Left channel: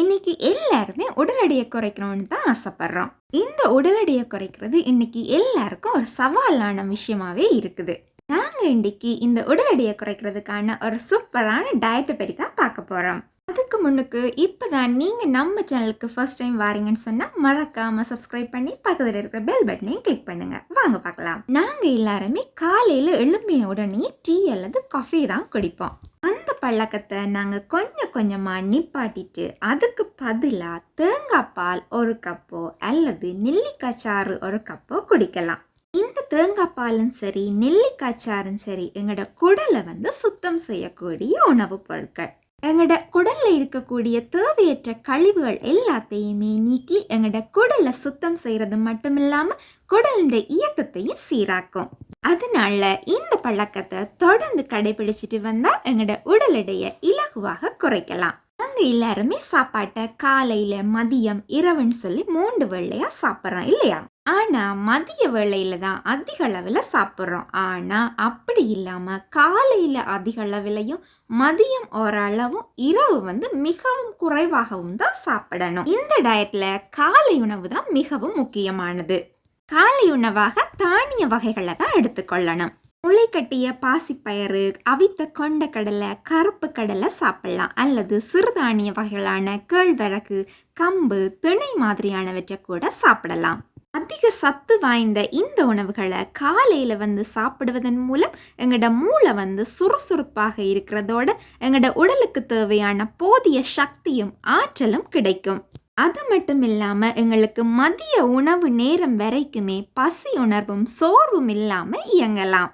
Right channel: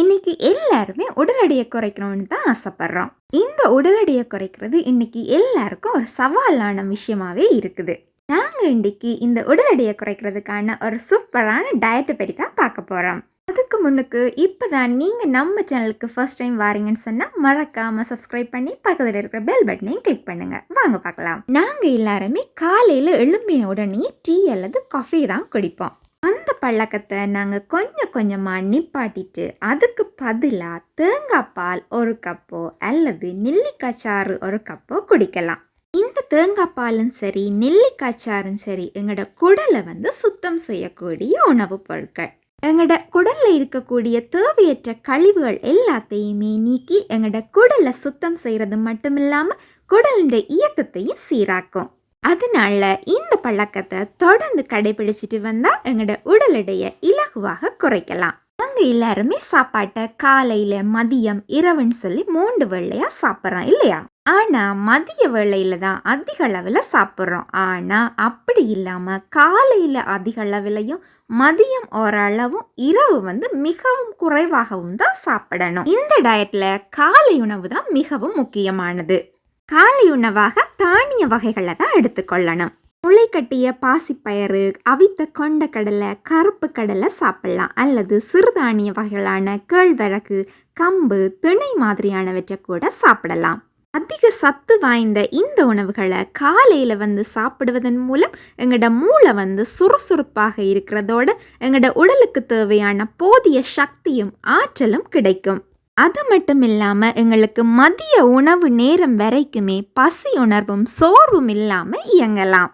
இன்னைக்கு எல்லாருமே உடல் எடையை குறைக்கணும்னு தான் ஆசைப்படுறோம். இந்த உடல் எடையை குறைக்கிறது இன்னைக்கு எல்லாருக்கும் ஒரு சவாலான விஷயமாவே இருக்குது. நாங்க இன்னைக்கு இந்த உடல் எடையை குறைக்கிறதுக்கான ஒரு சூப்பரான டயட்டை பற்றி தான் பார்க்க போறோம். அதுக்கு முன்னுக்கு இப்பதான் நீங்க நம்ம சேனலுக்கு ஃபர்ஸ்ட் டைம் வாரீங்கன்னு சொன்னா மறக்காம சப்ஸ்கிரைப் பண்ணி பக்கத்தில் இருக்கிற பெல் பட்டனையும் கிளிக் பண்ணுங்க. வாங்க பார்க்கலாம். நாங்க எல்லாருமே காலையில எழும்பின உடனே டீ அல்லது காஃபி தான் குடிப்போம். அந்த பழக்கத்தை நாங்கள் கொஞ்சம் கொஞ்சமாக நிப்பாட்டிட்டு அதுக்கு பதிலாக தேங்காய் பால் ஒரு கப்போ அல்லது நெல்லிக்காய் சாறு ஒரு கப்போ குடிக்கலாம். இந்த தேங்காய் பாலும் சரி நெல்லிக்காய் சாரும் சரி எங்களோட குடலை சுத்தம் செய்யக்கூடிய உணவுப் பொருட்கள். எங்களோட குடலில் இருக்கக்கூடிய தேவையற்ற கழிவுகள் எல்லாத்தையுமே நீக்கி எங்களோட குடலை சுத்தம் செய்கிறது மட்டும் இல்லாமல் குடலின் இயக்கத்தையும் சீராக்கும். அதனால இந்த பழக்கத்தை தொடர்ந்து கடைபிடிச்சிட்டு வந்தால் எங்களோட உடல் எடையை இலகுவாக குறைக்கலாம். நாங்கள் எல்லாருமே சாப்பாட்டை காலையில் மதியம் இரவுன்னு சொல்லி 3 வேளையாக சாப்பிட்றோம் இல்லையா? ஆனால் மதிய வேளையில் தான் அதிக அளவில் சாப்பிட்றோம். ஆனால் அப்படி இல்லாமல் காலையில் அதிக அளவிலையும் மதியம் ஓரளவும் இரவு மிகவும் குறைவாகவும் தான் சாப்பிடணும். இந்த டயட்டில் காலை உணவு தான் மிகவும் முக்கியமானது. காலை உணவாக தானிய வகைகளை தான் எடுத்துக்கொள்ளணும். முளைக்கட்டிய பாசிப்பயறு, அவித்த கொண்டக்கடலை, கருப்பு கடலை சாப்பிடலாம். அல்லது சிறுதானிய வகைகளான கேழ்வரகு, கம்பு, திணை மாதிரியானவற்றை கூட சாப்பிடலாம். அதிக சத்து வாய்ந்த இந்த உணவுகளை காலையில் சாப்பிடுவதன் மூலம் எங்களோட மூளை சுறுசுறுப்பாக இருக்கிறதோட எங்களோட உடலுக்கு தேவையான போதிய சக்தியும் ஆற்றலும் கிடைக்கும். அது மட்டும் இல்லாமல் எங்களுக்கு மதிய உணவு நேரம் வரைக்குமே பசி உணர்வும் சோர்வும் இல்லாமல் இயங்கலாம்.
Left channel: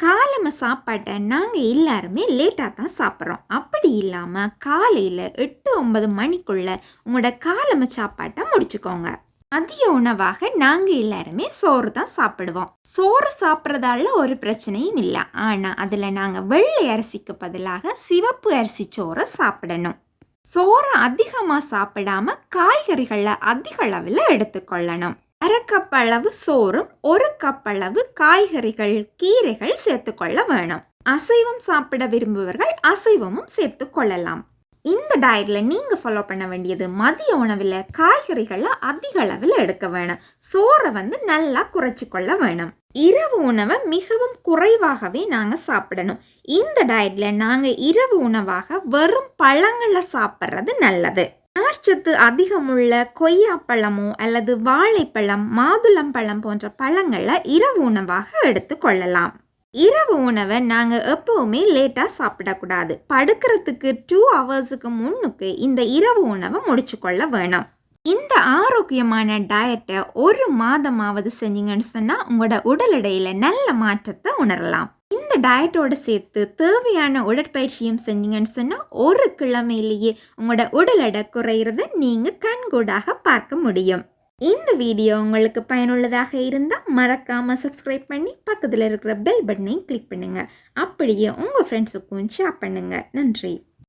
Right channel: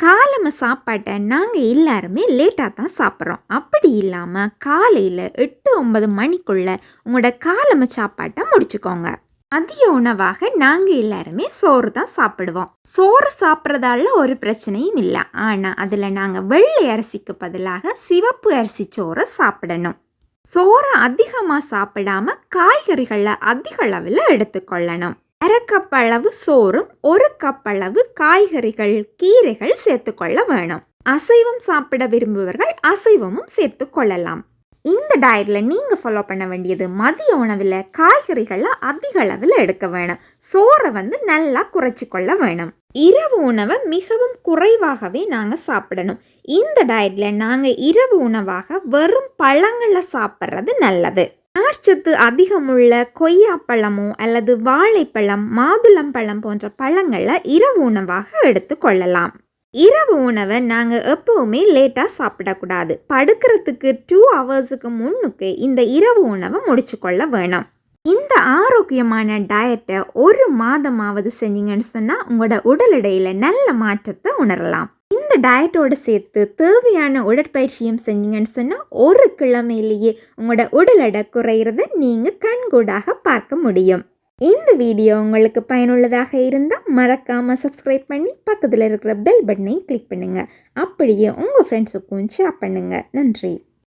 காலம சாப்பாட்டை நாங்கள் எல்லாருமே லேட்டாக தான் சாப்பிட்றோம். அப்படி இல்லாமல் காலையில் 8-9 மணிக்குள்ளே உங்களோட காலம சாப்பாட்டை முடிச்சுக்கோங்க. மதிய உணவாக நாங்கள் எல்லாருமே சோறு தான் சாப்பிடுவோம். சோறு சாப்பிட்றதால ஒரு பிரச்சனையும் இல்லை. ஆனால் அதில் நாங்கள் வெள்ளை அரிசிக்கு பதிலாக சிவப்பு அரிசி சோறை சாப்பிடணும். சோறு அதிகமாக சாப்பிடாம காய்கறிகளை அதிக அளவில் எடுத்துக்கொள்ளணும். 1/2 கப் அளவு சோறும் 1 கப் அளவு காய்கறிகள் கீரைகள் சேர்த்துக்கொள்ள வேணும். அசைவம் சாப்பிட விரும்புவர்கள் அசைவமும் சேர்த்து கொள்ளலாம். இந்த டயட்ல நீங்க ஃபாலோ பண்ண வேண்டியது மதிய உணவில் காய்கறிகளை அதிக அளவில் எடுக்க வேணும். சோறை நல்லா குறைச்சி கொள்ள வேணும். இரவு உணவை மிகவும் குறைவாகவே நாங்கள் சாப்பிடணும். இந்த டயட்ல நாங்கள் இரவு உணவாக வெறும் பழங்களை சாப்பிட்றது நல்லது. நார்ச்சத்து அதிகமுள்ள கொய்யாப்பழமோ அல்லது வாழைப்பழம், மாதுளம்பழம் போன்ற பழங்களை இரவு உணவாக எடுத்துக்கொள்ளலாம். இரவு உணவை நாங்கள் எப்போவுமே லேட்டாக சாப்பிடக்கூடாது. படுக்கிறதுக்கு 2 ஹவர்ஸுக்கு முன்னுக்கு இந்த இரவு உணவை முடிச்சு கொள்ள வேணும். இந்த ஆரோக்கியமான டயட்டை 1 மாதமாவது செஞ்சீங்கன்னு சொன்னால் உங்களோட உடல் எடையில் நல்ல மாற்றத்தை உணரலாம். இந்த டயட்டோடு சேர்த்து தேவையான உடற்பயிற்சியும் செஞ்சீங்கன்னு சொன்னால் 1 கிழமையிலேயே உங்களோட உடல் எடை குறையிறத நீங்கள் கண்கூடாக பார்க்க முடியும். இந்த வீடியோ உங்களுக்கு பயனுள்ளதாக இருந்தால் மறக்காமல் சப்ஸ்கிரைப் பண்ணி பக்கத்தில் இருக்கிற பெல் பட்டனையும் கிளிக் பண்ணுங்கள். அப்படியே உங்கள் ஃப்ரெண்ட்ஸுக்கும் ஷேர் பண்ணுங்கள். நன்றி.